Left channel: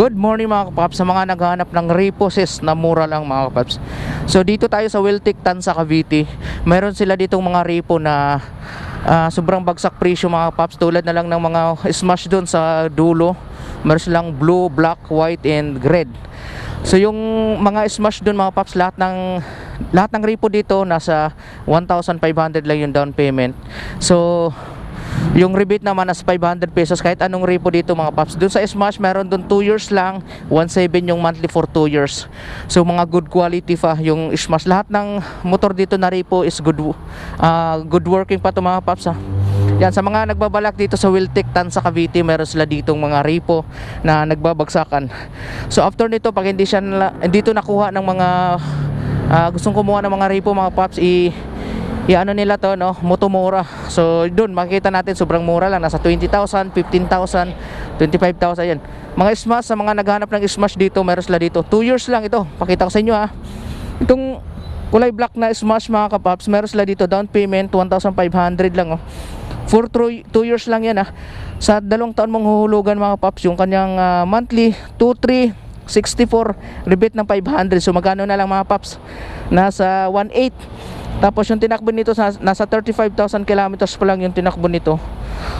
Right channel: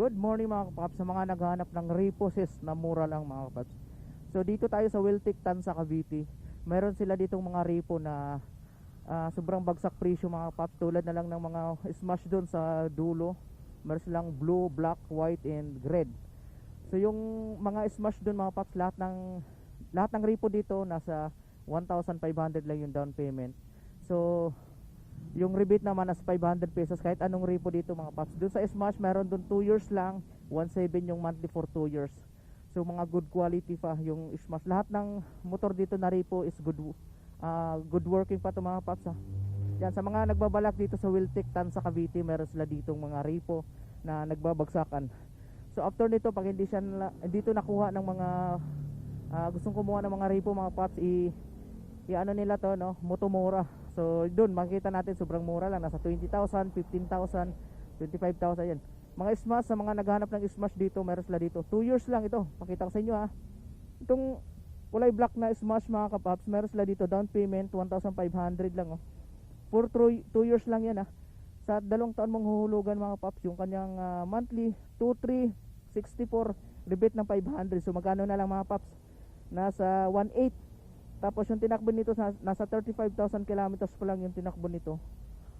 Good morning mga kapaps, sa mga naghahanap ng reposes na mura lang mga kapaps. So dito tayo sa Wiltic Tanza Cavite. Meron sila ditong mga repo na sobrang bagsak presyo mga kapaps. Tulad na lang ng mga smash doon sa dulo. Meron silang blue, black, white, and red. So yung mga smash doon mga kapaps, lahat ng repo dito nasa 1,500 lang yung down payment. So yung rebate naman as 500 pesos kahit anong repo dito mga paps. Doon sa Smash meron doon 2 years lang, 1.7 yung monthly for 2 years. So mga good quality pa yung Smash. Lahat ng motor dito na repo is good working pa to mga paps ha. Yan, sa mga nagbabalak dito sa Wiltic Tanza Cavite, meron sila ditong mga repo na nagbabagsakan. So after nito, pag hindi dito nakuha ng mga gustong kumuha ng mga repo mga paps, ano nila to, no, motomura. So doon makikita natin sobrang mura lang, nasa 20,000, 15,000, 25,000 yan. Mga Smash, sa mga naghahanap ng Smash dito, meron sila dito 2 years lang ito. Pakita ko sa inyo ha. Itong kulay black na Smash mga kapaps, meron sila dito down payment 1,500 lang oh. For 2 years lang yan ha. Sa 2 taon mong huhulugan mga kapaps yung kanyang monthly 2,364, rebate ng 500. So magkano na lang mga paps? Nasa 1,800. Tapos yung tinakbo nito nasa 35,000 kilometers pa lang yung tinakbo nito.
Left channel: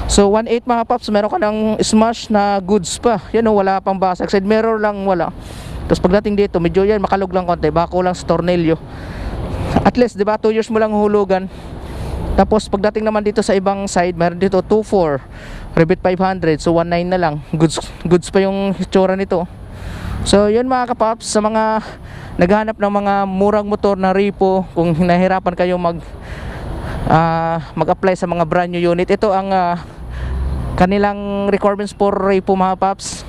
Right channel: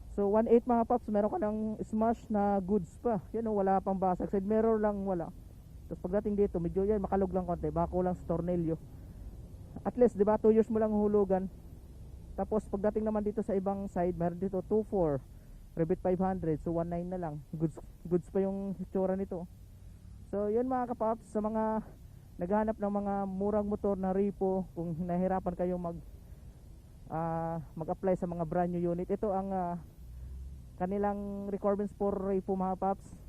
So 1.8 mga paps, meron ka ng Smash na goods pa. Yan o, wala pang basag. Side mirror lang wala. Tapos pagdating dito, medyo yan makalog lang konti, bako lang sa tornilyo. At least, di ba, 2 years mo lang hulugan. Tapos pagdating naman dito sa ibang side, meron dito 2.4, rebate 500. So 1.9 na lang. Goods pa yung hitsura nito. So yun mga kapaps, sa mga naghanap ng mga murang motor na repo, kung nahirapan kayo mag-apply sa mga brand new unit, ito ang kanilang requirements for repo mga paps.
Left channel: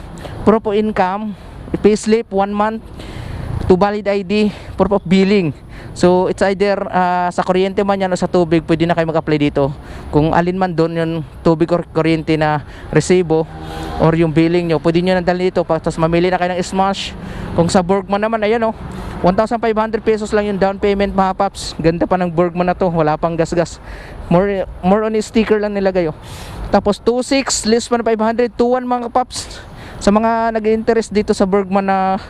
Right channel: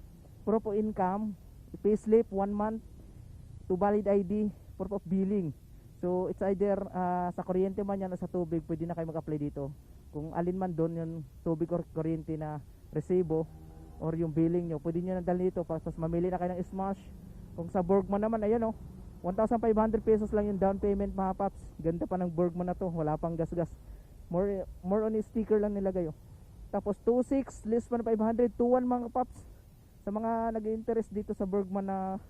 Proof of income, payslip, 1 month, to valid ID, proof of billing. So it's either sa kuryente man yan o sa tubig, pwede na kayo mag-apply dito. Kung alin man doon yung tubig or kuryente na resibo or yung billing nyo, pwede nyo nandali dito. Tapos mamili na kayo ng Smash. Kung sa Bergman naman, ayan o, 1,500 pesos lang yung down payment mga paps. Ganda pa ng Bergman na to, wala pang gas-gas. More on sticker lang nilagay o. Tapos 2,600, less pa na 500, 2,100 mga paps. Sa mga nag-interest dito sa Bergman na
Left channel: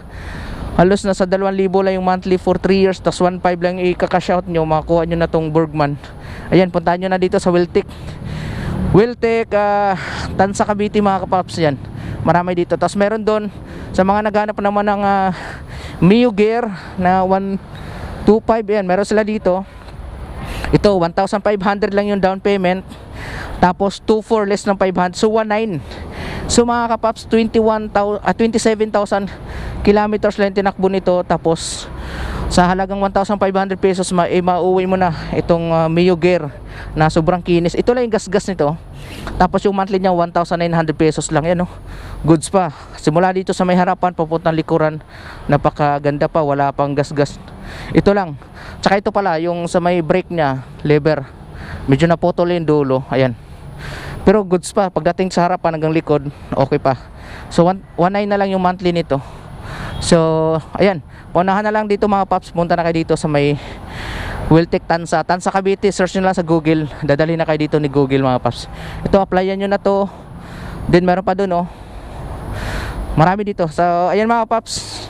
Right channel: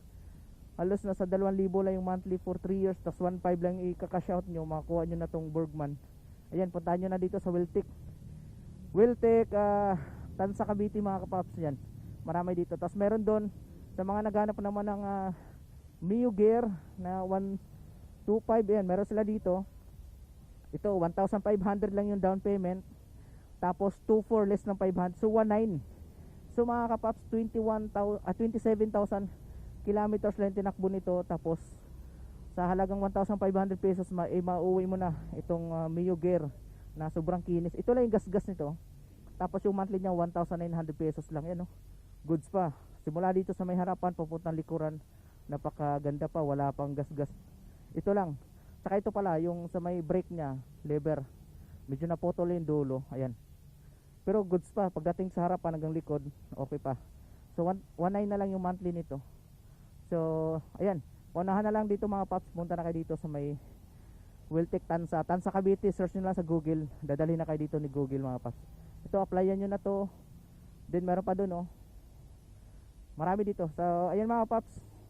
halos nasa 2,000 lang yung monthly for 3 years, tapos 1.5 lang i-cash out nyo, makakuha nyo na tong Bergman. Ayan, puntahan nyo na dito sa Wiltic Tanza Cavite mga kapaps. Yan, marami dito. Tapos meron doon sa mga naghanap naman ng Mio Gear na 125, yan, meron sila dito. Ito 1,500 lang yung down payment, tapos 2,400 less ng 500, so 1,900. So mga kapaps, 27,000 kilometers lang tinakbo nito. Tapos sa halagang 1,500 pesos mauwi mo na itong Mio Gear na sobrang kinis. Ito lang yung gas-gas nito. Tapos yung monthly niya 1,900 pesos lang yan, no? Goods pa. Simula dito sa may harapan papuntang likuran, napakaganda pa, wala pang gas-gas. Ito lang. Tsaka ito pala yung sa may brake niya, lever, medyo naputol yung dulo. Ayan. Pero goods pa, pagdating sa harapan hanggang likod, okay pa. So 1,900 na lang yung monthly nito. So ayan, paunahan na lang dito mga paps. Punta na kayo dito sa may Wiltic Tanza Cavite. Search nyo lang sa Google, dadali na kayo dito ni Google mga paps. Ito, applyan nyo na to. Then meron pa dun oh, marami dito. So ayan mga paps,